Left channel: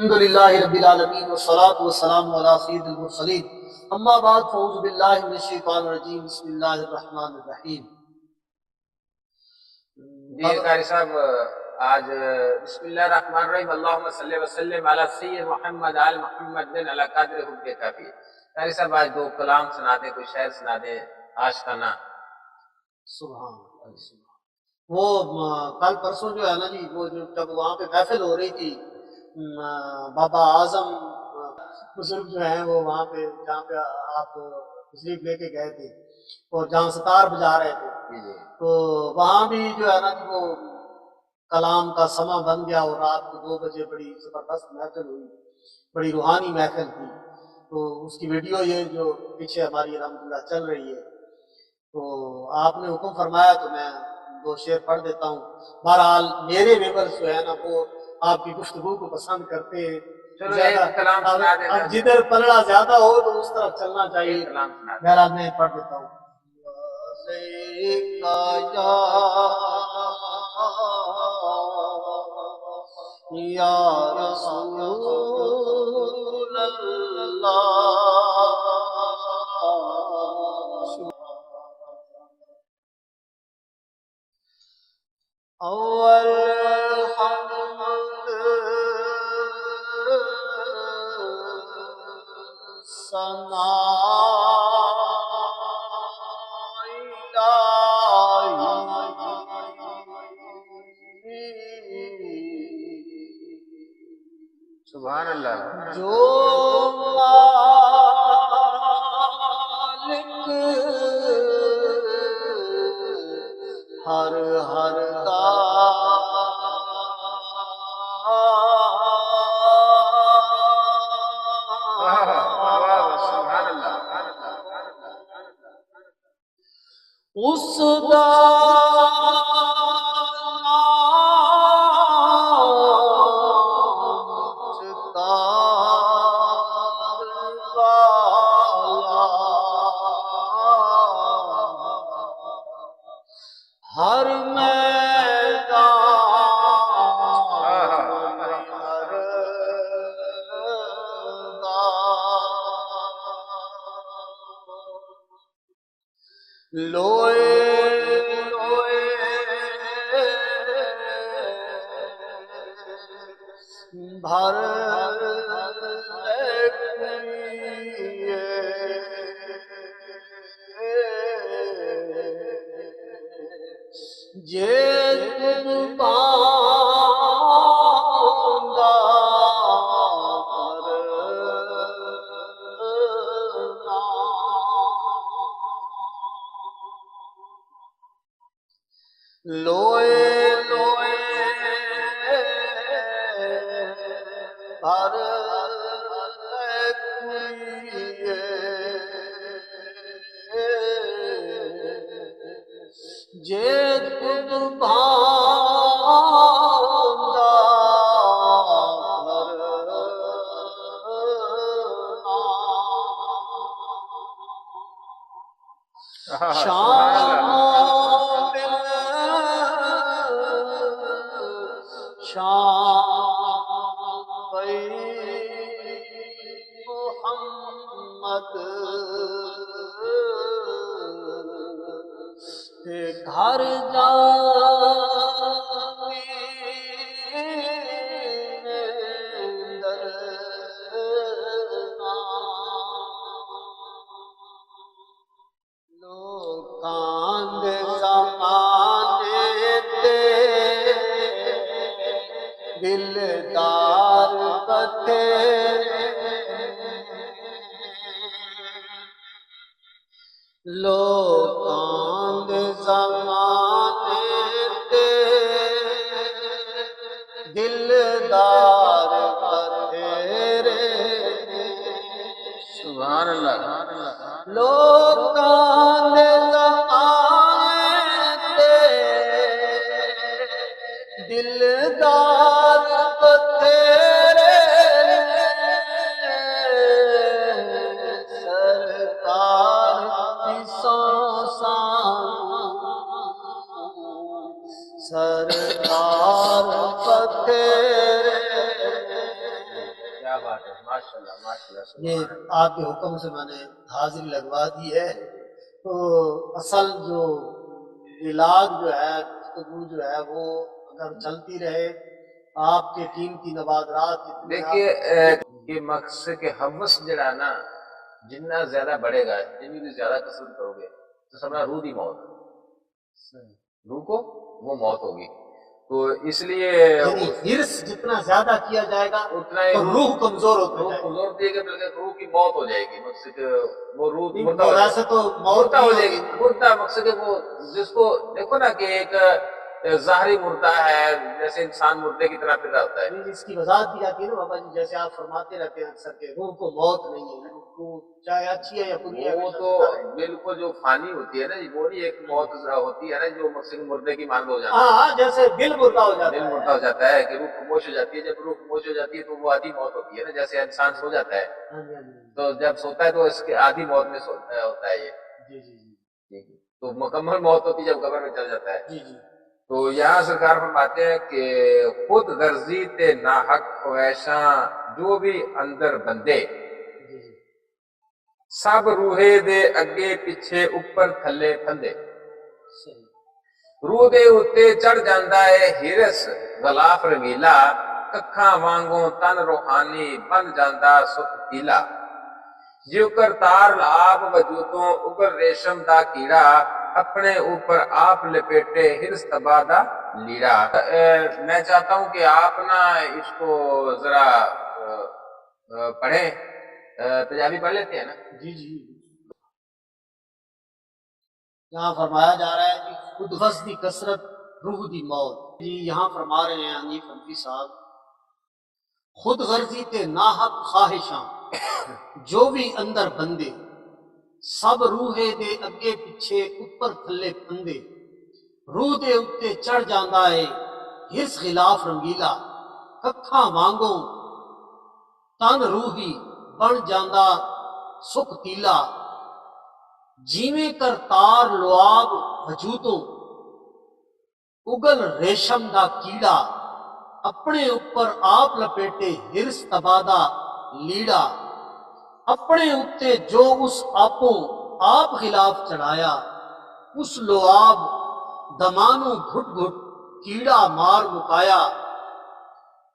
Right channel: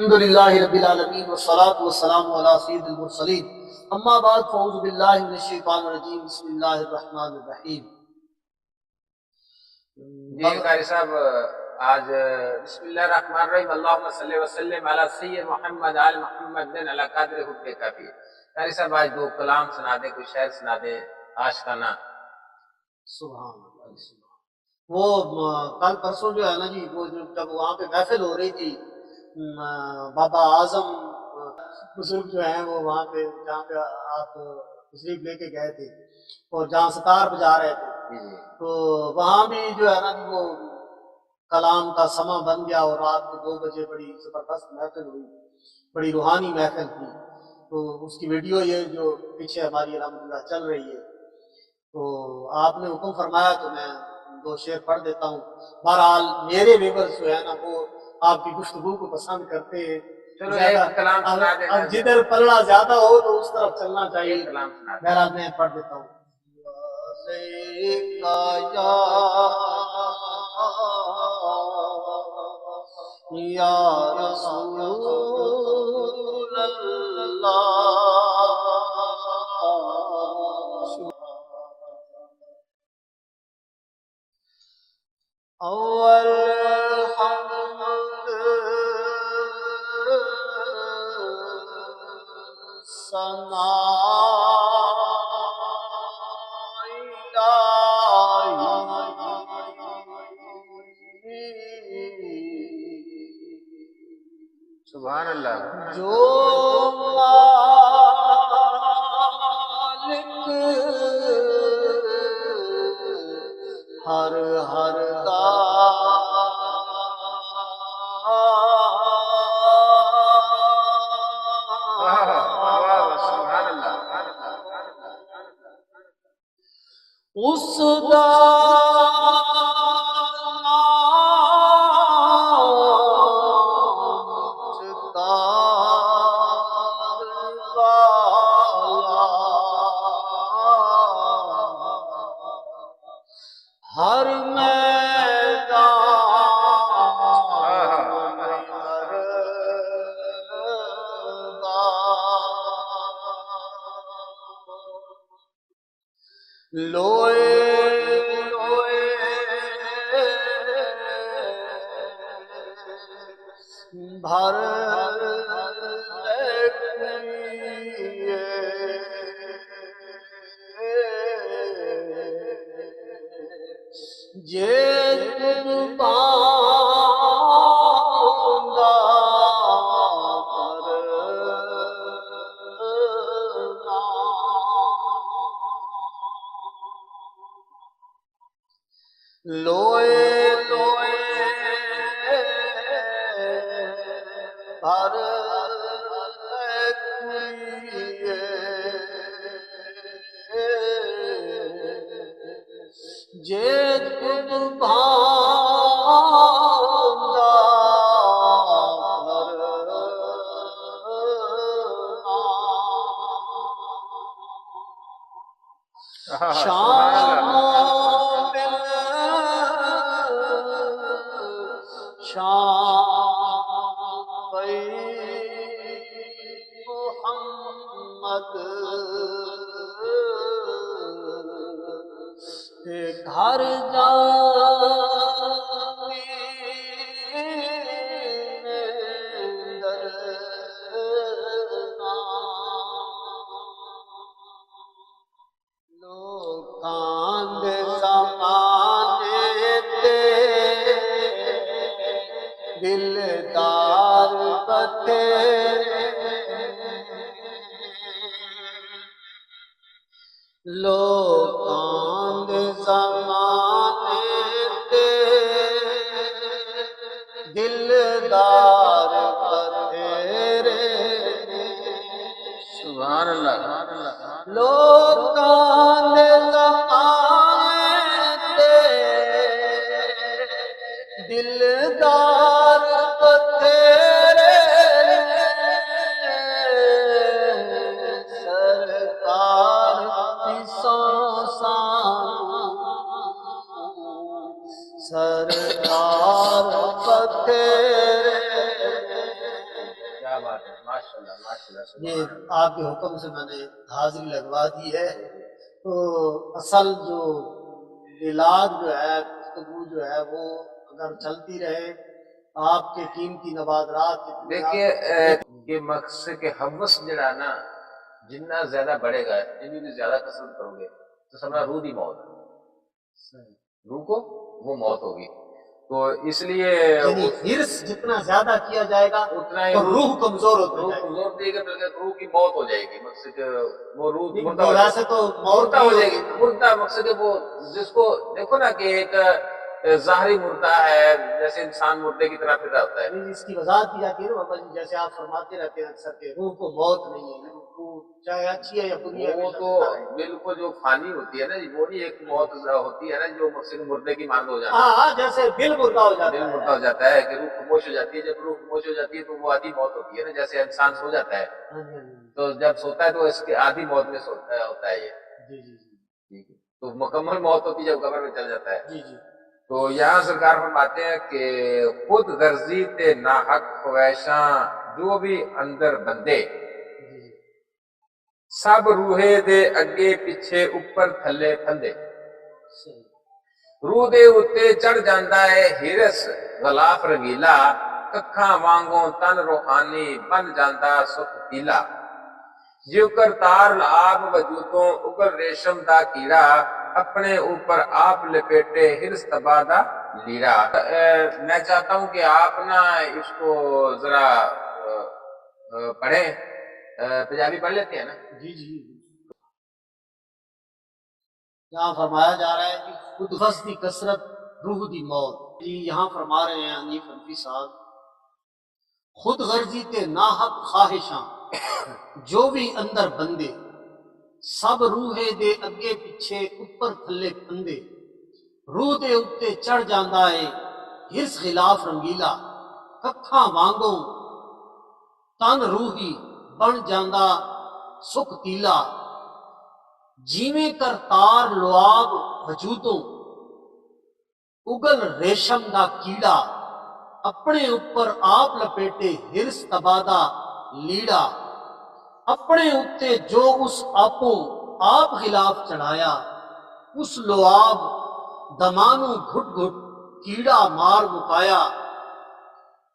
الحمد للہ رب العالمین والصلاة والسلام علی سید المرسلین اما بعد فاعوذ باللہ من الشیطان الرجیم بسم اللہ الرحمن الرحیم۔ جی قاری صاحب، آج بسم اللہ الرحمن الرحیم اللہم صلی وسلم علی سید محمد آل محمد علی قدر حب کافی۔ قاری صاحب آج دو کلام سنا دیں، کوئی شعر سنا دیں عاشقانہ۔ سبحان اللہ سبحان۔ وہ کل پرسوں جو ہے نا جی، وہ جب وہاں پہ محفل ہو رہی تھی، بابا اعظم بزرگ جو ہیں وہ وہاں پہ جہاں پہ آپ تشریف لے کے گئے تھے اور جہاں ستار بجا رہے تھے، تو وہاں بھی جو ہے نا جی وہ کلام کا سماں بن گیا اور رات کو 2 بجے بڑی زبردست محفل ہوئی، بڑی روحانی محفل تھی۔ تو اس کی ویڈیو یہ جو پیچھے ہماری الحمدللہ چل رہی ہے، تو آپ نے حکم فرمایا تو میں 2 شعر پڑھ دیتا ہوں۔ بہرحال میرے ویورز جو ہے نا وہ آپ کی گفتگو کو پسند کرتے ہیں، چلو ایک کلام سنا دینا، اب جدھر پلڑا زیادہ ہو تو اس طرف چلنا چاہیے۔ ایک کلام سنا دینا۔ بہرحال میں پڑھ دیتا ہوں۔ یا رسول اللہ اول حمد ثنا سبحان اللہ۔ جو مالک ہر ہر کا سبحان اللہ۔ اس دا ہر میدان لوئے لوئے بھر لوئے لوئے بھر جیت خود باندھا شام محمد گھر لوگ کاند زمانے تے دلدار بتھیرے لوگ کاند زمانے تے دلدار بتھیرے سبحان اللہ۔ لوگ کاند زمانے تے دلدار بتھیرے سرکار کی سو سرکار پتھرے بات ہے، ماشاءاللہ ماشاءاللہ، یہ سبحان اللہ۔ آپ کے حکم سے میں نے حاضری لگوا دی ہے۔ تو اصل جو علاج جو ہے، گفتگو جو ہے، وہ اگر چلتی رہے، آپ کے قیمتی نوادرات جتنے دیکھیے آپ کہ مقصد کے حوث جڑا نا جننا زیادہ بڑھے گا، جنی بھی زیادہ کثرت کرو گے تو سمجھنا روح دی موت، صحیح۔ روح کو وہ موت ہوگی۔ تو اس لیے یعنی حرص جتنا زیادہ کیا جائے گا اتنا ہی تو روح کمزور ہوتی روح جائے گی۔ کمزور دیے گا، بلکہ روح کی موت ہو جائے گی، مقصد کہ وہ روح نہیں، مردہ وہ ہو جائے ویسے گی، تو موت مردہ نہیں ہو جائے ہوتی گی، نا۔ مردہ مقصد کہ وہ جس کو دیکھو نا کہ ایک ظاہری مردہ ہے، جیسے انسان مردے کی طرح پھر رہا ہوتا ہے۔ نہیں، اس کی وضاحت کی جاتی ہے نا بابا جی، جیسے آپ فرماتے رہتے ہیں اکثر کہ روح کو موت نہیں ہے، روح چاہے اچھی ہے یا بری ہے وہ ہمیشہ تو زندہ رہے گی۔ بالکل جو فانی ہوتی ہے نا جی، وہ نہیں ایک موت ہوتی ہے نا جو مقصد کہ مردے کی مانند ہو جانا، ہاں ہاں، جیسے دل مردہ ہو دل جاتا مردہ ہو ہے۔ جاتا ہے کہ روح خاموش ہو جاتی ہے۔ جب روح خاموش ہو جاتی ہے تو وہ آدھی موت ہوتی ہے نا، جیسے انسان سو جاتا ہے ہاں جی ہاں جی تو جب سوتا ہے تو اس کے آدھی موت میں ہوتا ہے یہ، جی جی جی ٹھیک ہے؟ تو مکمل موت ہوتی ہے جب قبر میں چل جاتا ہے۔ جی جی تو یہاں سرکار فرماتے ہیں کہ خود غرضی تے ناحق خواہشاں جو بھی اندر بندے، جی جی سب روحے دے اگے پیچھے اوپر تھلے پھندے، صحیح۔ روح دے اتے چڑھ جاندا ہے ہرس غلاف رنگیلا، ککھاں وانگوں تن روحانی بن جاندا سکھ پیلا، جو کرتار آپ وجودوں اگل ریشم دا کیڑا، اپنے اوپر آپ لپیٹے ہرس تبا دا لیڑا۔ میں چاہتا ہوں کہ آپ نا اس کو ذرا پڑھیں، پنجابی پڑھ لیتے ہیں نا؟ جی جی یہاں فرمایا جا رہا ہے کہ خود غرض دی کثرت روح دی موت۔ جی یہاں فرما رہے ہیں حنیف حنفی صاحب، خود غرضی تے ناحق خواہشاں جو بھی اندر بندے، سب روحے دے اگے پیچھے اوپر تھلے پھندے، روح دے اتے چڑھ جاندا ہے ہرس خلاف رنگیلا، ککھاں وانگوں تن روحی بن جاندا سکھ تیلا، جیویں کرتار لعاب وجودوں اگل ریشم دا کیڑا، اپنے اوپر آپ لپیٹے ہرس تبادا لیڑا، اپنے اتے جو اس آپوں آپ خلاف چڑھایا، اس لعاب دمانوں گھٹ گھٹ کیڑا مار مکایا،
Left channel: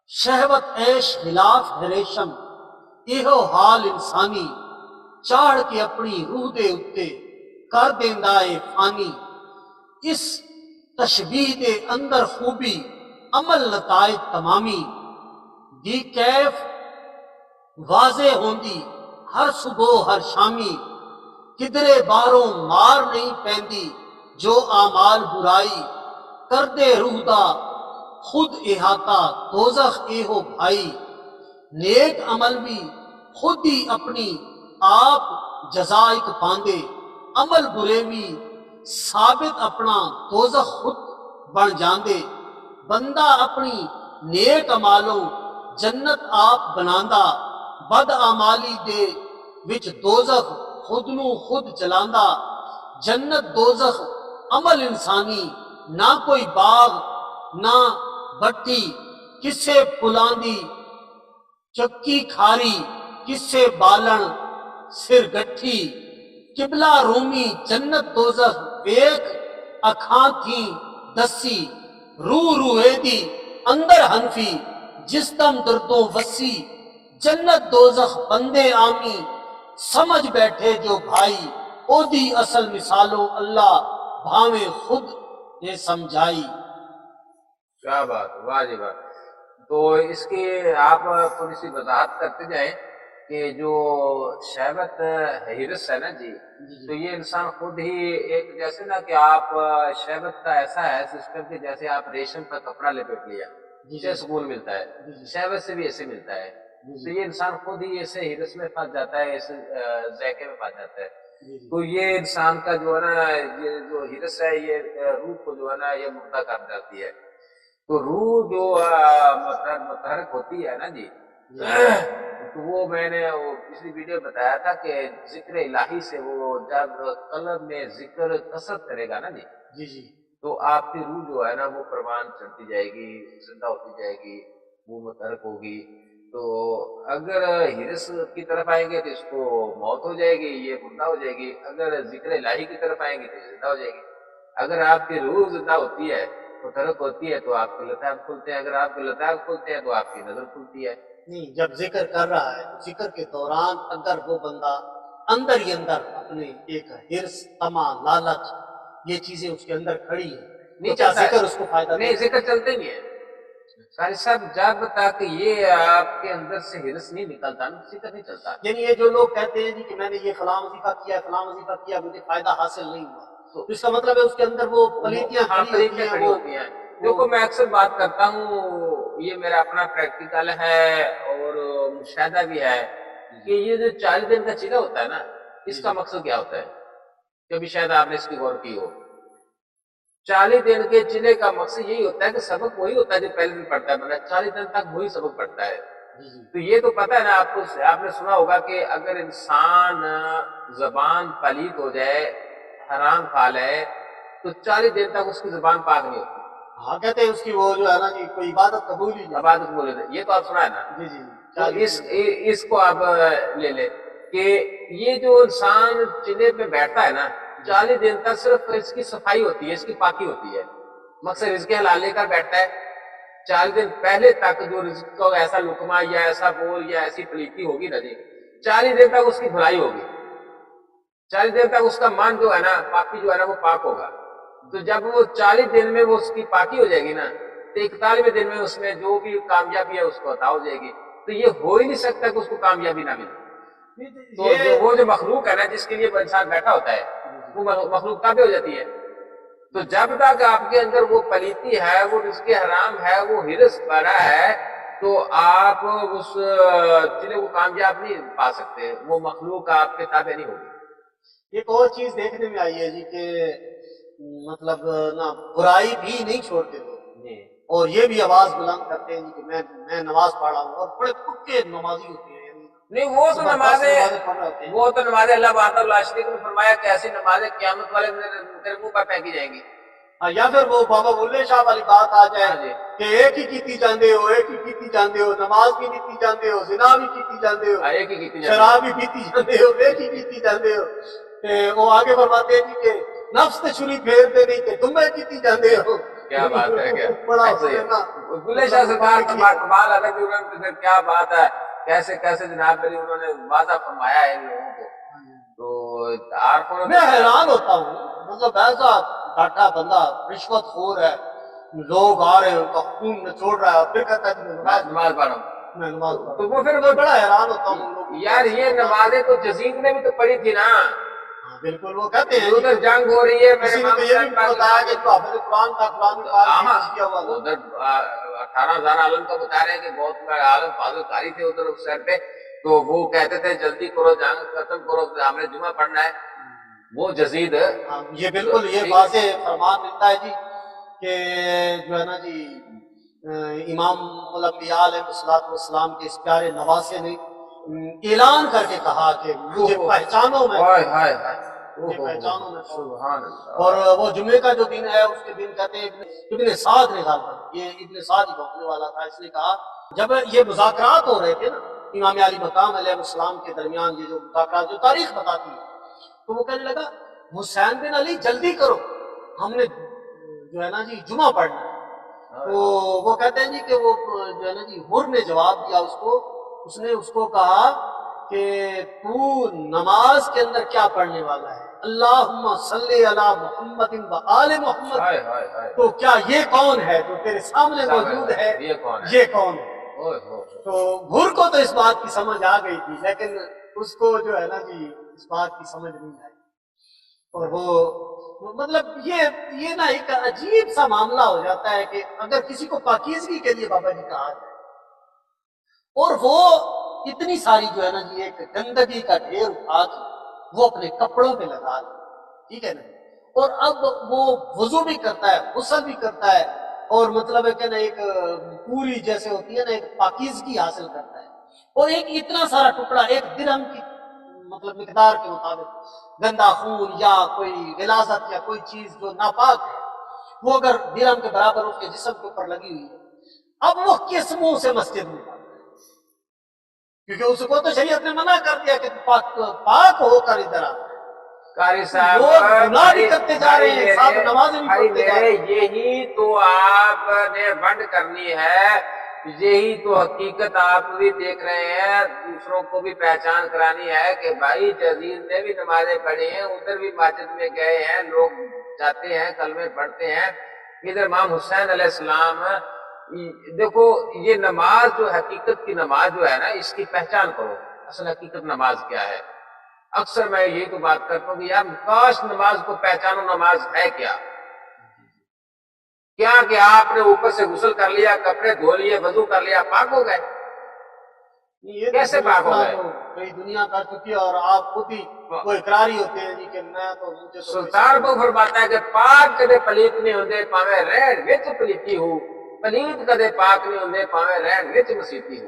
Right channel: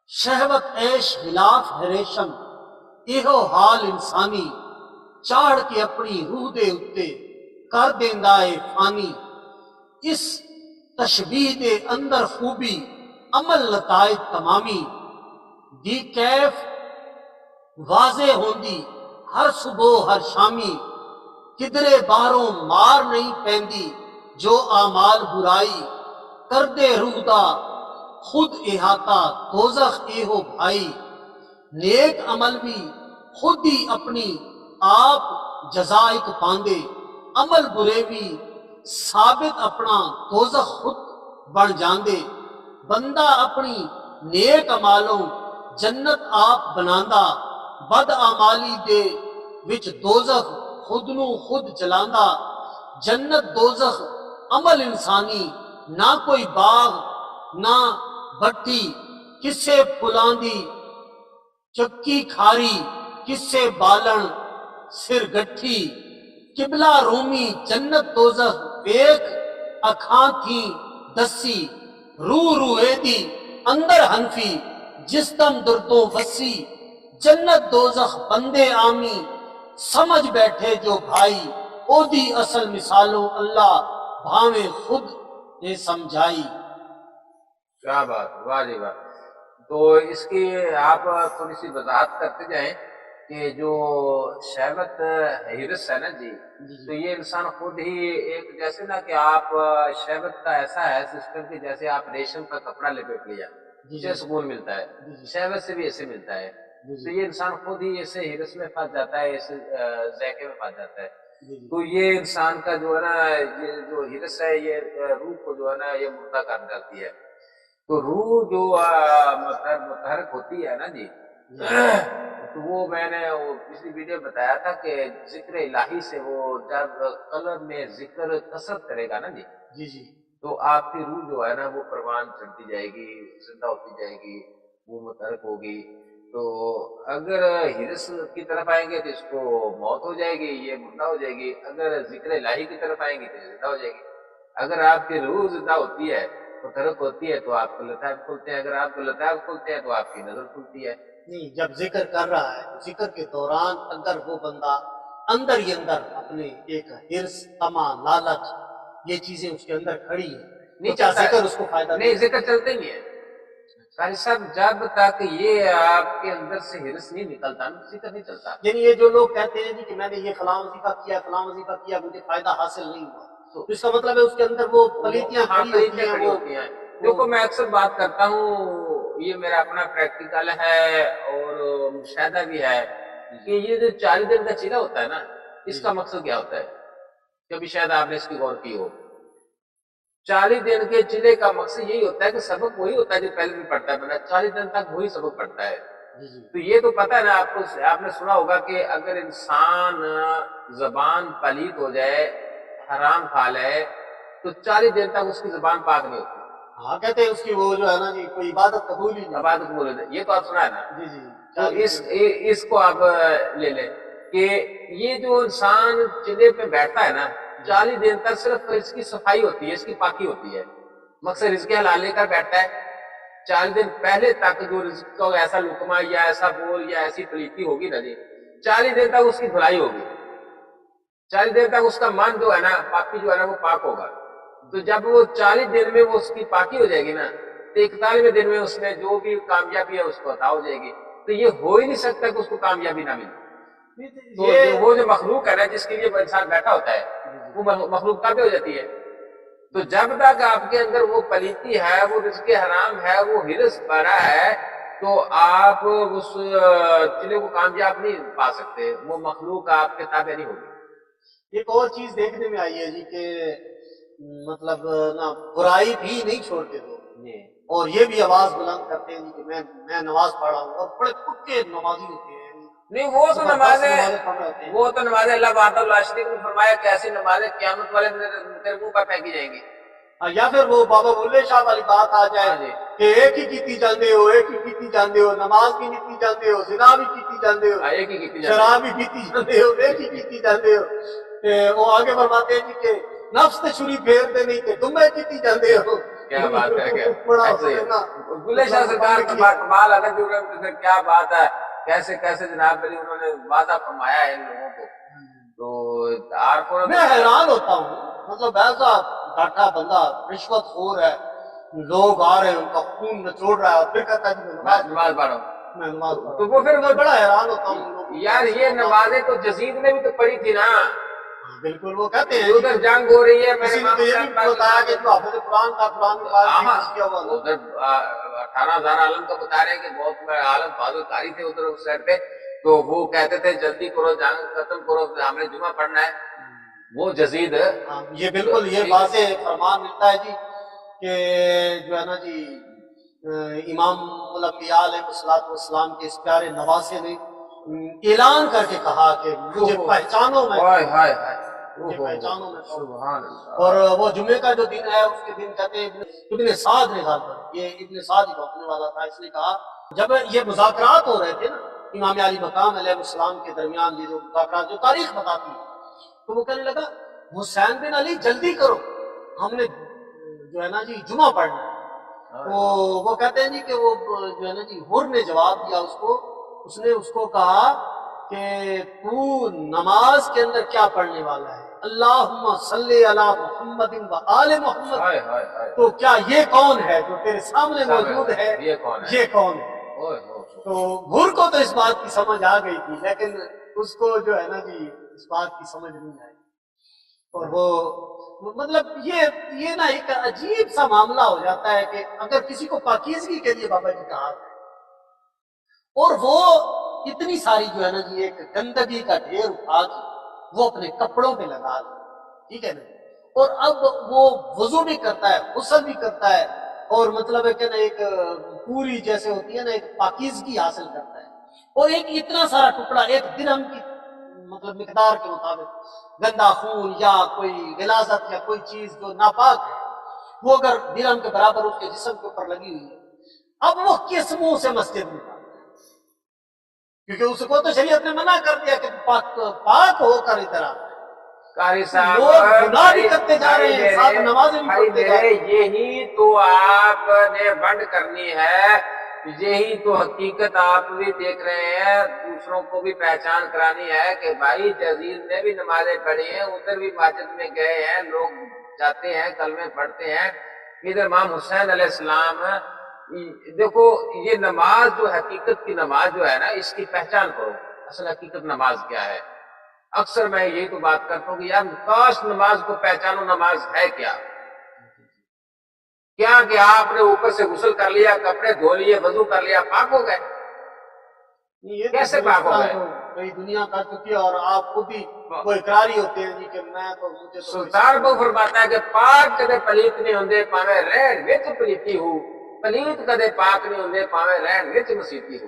شہوت عیش خلاف ہے ریشم ایہو حال انسانی، چاڑھ کے اپنی روح دے اتے کر دیندا اے فانی، اس تشبیہ دے اندر خوبی عمل نتائج تمامی، دی کیف واضح ہوندی ہر صبح ہر شامی، کدرے باہروں مار نہیں پیندی جو اعمال برائی، کر دے روح دا خود احاطہ دوزخ ایہو بھائی، نیک عمل بھی خود ہی اپنی آپ جزائک پاندے، عمل برے بھی ثابت اپنا دوزخ خود بن جاندے، بندہ اپنی نیک عمالوں جنت آپ بناندا، بد اعمالی دے وچ دوزخ خود نو خود جلاندا، جنت دوزخ عمل انسانی، نہ کوئی باغ نہ بٹھی، کسے پلاندی چکی کھاری، کسے بالن سر گٹھی، قبلہ رومی جنت دوزخ ویکھ اکھاں تھیں دسی، روح روحے دی اندر حنفی جسم دردوں وسی، جنت دوزخ بندے آمی سمجھ بیٹھے جو بھائی، او دی اصل مثالوں اللہ بھاویں خود نے سمجھائی۔ کیا بات ہے، واہ جی واہ۔ تو اس کی آپ تھوڑی سی وضاحت کرتے جائیں کہ جو شہوت ہرس ہے نا جی، جی تو جی یہ انسان خود ہی ایک جیسے نا کہ آپ شہوت کا ایسا ہے سسٹم کہ جیسے آپ ریشم کا کپڑا لپیٹ لیا، جی اسے جی سکون ملتا ہے، جی جی شہوت سے بھی ایسے ملتا ہے۔ جی تو جی یہ انسان خود ہی ایسے ہرس میں پھنس جاتا ہے، ایسے ذائقے میں پھنس جاتا ہے۔ جی جی تو یہ انسان کا جو ہے نا یہ جو ہرس ہے یہ روح کو جو ہے نا یہ مردہ کر ڈالتی ہے۔ تو روح جو متحرک ہوتی ہے نا جی، تو وہ میں نے وہ پچھلی ویڈیو بتایا تھا کہ ذکر الہی سے وہ جب قلب میں ذکر کثرت کرے گا نا جی، جی جی تو آپ کی روح جو ہے نا وہ پروان چڑھتی جائے گی، زندہ ہوتی جائے گی، وہ متحرک ہوگی۔ تو اگر ہرس کی طرف آئیں گے تو اس کو موت ہو جائے گی، یہ مردہ ہو جائے گی. اگر ذکر الہی کی طرف آئیں گے تو یہ زندہ ہو جائے گی. اگر آپ کی روح زندہ ہوتی ہے، متحرک ہوتی ہے، تو آپ کے لطائف کھلتے ہیں. اگر آپ کے لطائف کھلتے ہیں تو آپ کی نظر کھلتی ہے. نہیں، جب ذکر کر رہا ہے تو ذکر کے دوران اگر وہ بندہ اندر ہی اندر اپنے ایک حرص، طمع، لالچ، یہ چیزیں اس کے اندر کھڑی ہیں تو نہیں کیا چلتا ہے، ذکر اس کو فائدہ دے نہیں گا؟ ذکر چلتے ہی نہیں ہے. قاری صاحب جب تک یہ آپ کے اندر سے ہرس نہیں نکلتا نا، ذکر نہیں چلتا. یعنی یہ جو لوگ کہتے ہیں جی کہ میں نے یہ فلاں وظیفہ کیا، فلاں وظیفہ کیا، مجھے فائدہ حاصل نہیں ہوا، تو تو اس کا مطلب ہے اس کے اندر وہ پلیتیاں ہاں کھڑی ہوتی پریتیاں ہیں. کھڑی ہوتی ہیں. دیکھو میں اکثر بات کرتا ہوں، یہ میرا اپنا پریکٹیکل ہے اور مشاہدہ بھی ہے کہ یہ جو 40 دن کا چلہ ہوتا ہے نا، اس کا مقصد کیا ہوتا ہے؟ کبھی شاید آپ نے اس کی غور کی ہو. 40 دن کے چلے کا مقصد یہی ہوتا ہے کہ سبق وہی ہوتا ہے جو پہلے دن پڑھتا ہے بندہ، 40 دن تک وہی سبق پڑھتا ہے. تو یہ تو پتہ ہے نا آپ کو، آپ نے سنا ہوگا کہ اگر انسان زبان پلیت ہو جائے، حرام کھا لے، تو 40 دن تک اس کی زبان پاک نہیں ہوتی. ہاں کہتے ہیں اس کی وہ جو ہے نا جی کوئی عبادت قبول ہی نہیں. عبادت بولے تھے، یہ تو آپ سنا ہے نا. جی جی جی تو 40 دن. اس کو آپ لے لیں کہ یہ جو انسان چلے پہ بیٹھتا ہے نا، 40 دن تک صرف اس کی صفائی ہوتی ہے، اس کی پاکی ہوتی ہے. مقصد رزق حلال لے کر بیٹھتا ہے. 40 دن پہلے تک جو رزق کا ایسا لقمہ یا ایسا بول یا ایسی پلیتی ہوگی نا جی، 40 دن تک اس کی دھلائی ہوگی. 40 دن تک اس کا من جو ہے نا، پاکی جو ہے نا، وہ پاک ہوگا. تو جب وہ 40 دن میں وہ اس کی پاکی ہو جائے گی نا، تو 41ویں دن میں اس میں جو بھی کامیابی ہے اس کو عطا ہو جائے گی. تو یہ ہو ہی نہیں سکتا کہ اس کو کامیابی نہ ملے. تو وہ جو مخلوق ہے نا جس کے لیے وہ انسان بیٹھا ہوتا ہے، وہ مخلوق تابع ہو جاتی ہے. تو جب تک آپ کے اندر وہ پلیتی ہے، وہ رزق حرام ہے، وہ ہرس بڑا ہے، تو آپ اس چلے کو کامیاب نہیں پا سکتے. وہ مخلوق آپ کے تابع نہیں ہوگی. ایک اور چیز دیکھنے میں آئی ہے جی کہ مطلب نا برائی بھی نہیں چھوڑتے لوگ، جی اور یہ بھی آواز بلند کرتے ہیں کہ میں نماز پڑھا ہوں، اور بڑے پکے نمازی ہوتے ہیں. نہیں، وہ تو زبردست نمازیں، نمازیں پڑھ رہے ہوتے ہیں. وہ تو نمازیں اللہ وحدہ لا شریک نے فرمایا کہ ایسی نمازیں قیامت والے دن تیرے منہ پر پھینکی جائیں گی. یا پھر وہ بابا بلے شاہ والی بات آ جائے ہاں جی، کہ ایک ہی کیتی جاندے ہو، ایک ہی کیتی جاندے ہو، نماز بھی نیتی جاندے ہو، زنا بھی کیتی جاندے ہو، ایک ہی کیتی جاتی شراب بھی پیتی جاندے ہو، ایک ہی کیتی جاندے ہو. وہ آگے فرماتے ہیں جی کہ نفس تے چھری پھیر دے نہیں تے تمہیں کیتی جاندے ہو. کیا بات ہے. کیا بڑا ایسے انہوں ہی نے نا بلے شاہ سرکار بند کا کیا. کمال ہے نا کہ انہوں نے، پھر کیا بات ہے، کیسے کیسے جناب علی انہوں نے واضح فرمایا ہے ان لوگوں کو. تو عارفوں نے میں حیران ہوتا ہوں، مطلب ایسا ڈاٹا بندہ رشوت خور ہے، لوگ آ رہے ہیں ان کا خون نچوڑ رہا ہے، اور پھر کہتا ہے کہ میں نماز پڑھ رہا ہوں. میں نماز پڑھ تو رہا وہ پھر وہ ہوں. بڑا حیران ہوتا ہوں لوگوں کو یار ایسے یہ معاملات. نمازیں تو جزید نے بھی تو پڑھی تھی نا. ہاں بالکل، وہ کہتے ہیں جی ادھر کہ جنگ ہو رہی ہے، میرے کسی نے امام تو یہ بھی حسین پاک بتایا کہ جو حافظ قرآن تھا، قرآن میں پاک ہاں کیا ہوا تھا. ادھر 18,000 عالم کا بتا رہے ہیں کہ بہت عالم فاضل قاری تھے ادھر اس سائڈ پہ. تو وہ کہتے تھے جلدی کرو، جنگ ختم کرو، ہم نے جمعہ پڑھنا ہے. وہ جزید ہاں یہ بالکل یہ واضح فرمان ملتا ہے جی کہ جو ہے نا جی امام الانبیاء علیہ السلام کے اس پیارے نواسے نے اعلان کر کے کہا کہ مجھے پہچانو، میں ہائے ہائے ہائے، مجھے پہچانو میں کون. سبحان اللہ. اور وہ جمعے کا جو دن ہے اس کے دن کہتے ہیں ابن سعد نے غالباً، یہ ابن سعد ہی بھونکنے والا تھا، اس نے کہا جب یہ مذاکرات ہو رہے تھے نا امام علی مقام علیہ السلام کے درمیان، یہ جو مذاکرات جو تاریخ بتاتی ہے، تو وہ کہنے لگا حسین بن علی جلدی کرو، ہم نے جو ہے نا جی جمعہ پڑھنا ہے. تو وہ کہتے ہیں جی کہ وہ جو ہے نا جی حر نے جواب دیا اس کو، اس نے اس کو کہا کہ تو نماز کے اندر کیا پڑھنے والا ہے؟ اللہم صلی علی محمد و آل محمد. ہائے ہائے ہائے، تو کیا یہ کون ہے جو تیرے سامنے موجود ہے؟ یہ کون ہے؟ یہ کون ہے؟ اوئے ہو. تو حر کو تو اس بات کی سمجھ آ گئی تھی، لیکن اس کو جو ہے نا جی اس بات کی سمجھ نہیں آئی. اور وہ مطلب یہ نا ایک عجیب سا معاملہ ہو جاتا ہے کہ اگر کسی کو پاکیزگی کے لیے بابا جی کہا جائے اور وہ اتنی ساری جو ہے نا جی ایک گندگی کا ڈھیر اٹھا کے وہ اپنے کپڑوں پہ لگا دے، ٹھیک ہے نا، اور اب وہ وضو بھی کرتا ہے، غسل بھی کرتا ہے، اور مطلب ہے کہ نا ایک پوری جیسے ہوتی ہے نا ایک پاکیزگی حاصل کرتا ہے، اور ایک اتنا سارا ٹکڑا ایک درہم کی مطلب مقدار کے مطابق گندا خون یا کوئی غلاظت یا کوئی چیز جو ناپاک ہے وہ اگر درہم کے برابر اس کے جسم کے اوپر لگی ہوئی ہے، اب وہ کس منہ سے مسجد میں جاتا ہے؟ کیونکہ اس کو تو شریعت نے منع کر دیا کہ پاک ہو کر ادھر آ۔ قاری صاحب لوگ گناہ بھی کرتے جا رہے ہیں، ساتھ نمازیں بھی بھائی پڑھتے جا رہے میرے، ہیں۔ یہی تو آپ نے ونڈ کرنی ہے، یہی تو حقیقت آپ بھی دیکھ رہے ہیں، دوسروں کو بھی پہچان کرانی ہے کہ بھائی جزیز نے بھی نمازیں پڑھی ہیں، ادھر بھی مسجد میں گئے ہیں، لوگ جاتے ہیں، کلمے پڑھتے ہیں۔ ادھر امام حسین علیہ السلام، دیکھو یہ نماز جو حقیقت کی نماز جو ہے نا، اس کی پہچان کرو، اصل حقیقت نماز کیا ہے۔ اکثر میں یہی تو بات کرتا ہوں کہ یار کاش نماز کو پہچانو، نماز ہے کیا؟ کیا کہ آپ نے اوپر سے غسل کر لیا، کپڑے دھو لیے، وضو کر لیا، پاک ہو گئے؟ یہ تو کیسے پھر پاک اس ہو طرح گئے؟ تو کئی دنیا کر چکی ہے، اور آپ خود ہی وہ اقراری ہوتے ہیں جی کہ میں تو مجھے تو کوئی سلطان شک بہو نہیں۔ فرماتا ہے کہ پاک کدے پلیت نہیں ہوندے پاویں رہن وچ پلیتی ہو، پلیت کدے پاک نہیں ہوندے پاویں رہن وچ مسیتی ہو۔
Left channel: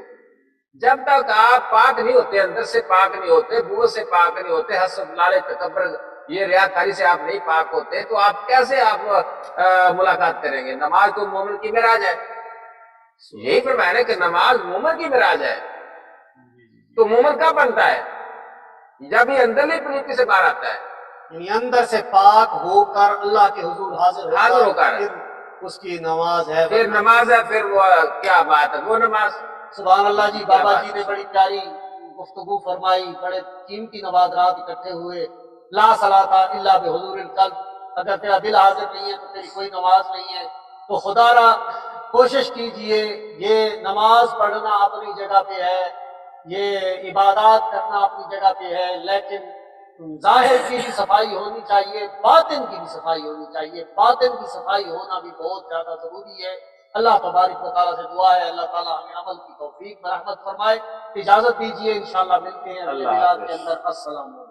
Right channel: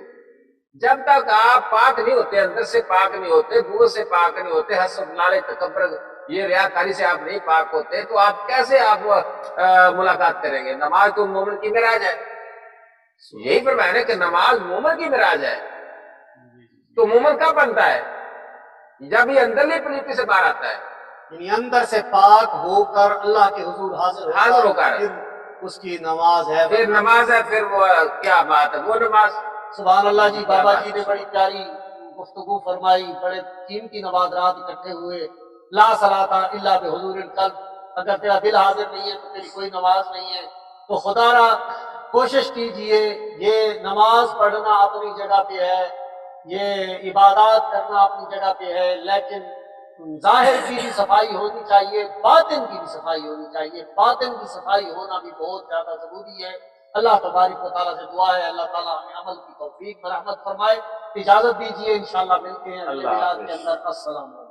جب تک آپ پاک نہیں ہوتے، اندر سے پاک نہیں ہوتے، بو سے پاک نہیں ہوتے، حسد، لالچ، تکبر، یہ ریاکاری سے آپ نہیں پاک ہوتے، تو آپ کیسے آپ ملاقات کریں گے؟ نماز تو مومن کی معراج ہے، یہی فرمایا نا کہ نماز مومن کی معراج ہے۔ تو مومن کب بنتا ہے؟ جب یہ اندرلی پلیتی سے باہر آتا ہے، یعنی اندر سے پاک ہو کر اللہ کے حضور حاضر ہو کر، پھر اس کی نماز ہے، پھر ورنہ نماز ہے، پھر وہ کیا بات ہے، وہ نماز سبحان اللہ جی۔ کیا بابا بات جی ہے۔ نے بڑی پیاری گفتگو فرمائی، بڑے قیمتی نوادرات اکٹھے ہوئے۔ لا صلاۃ الا بحضور القلب، اگر تیرا دل حاضر نہیں ہے تو تیری کوئی نماز نہیں ہے۔ تو خدا را کوشش کیجئے، یہ نماز پڑھنا اپنی جگہ پہ ہے، یہ عبادات کرنا اپنی جگہ پہ ہے، لیکن ظاہر کی بھی صفائی ہونی چاہیے، باطن کی بھی صفائی ہونی چاہیے۔ باطن کی صفائی ہونا بھی بہت زیادہ ضروری ہے۔ اللہ تبارک و تعالیٰ سے دعا ہے اللہ تعالیٰ ہمیں عمل کی توفیق برحمت فرمائے۔ اجازت دیجیے، انشاءاللہ ملتے ہیں اگلے اللہ میلاد کے حافظ۔ اندر۔ السلام علیکم۔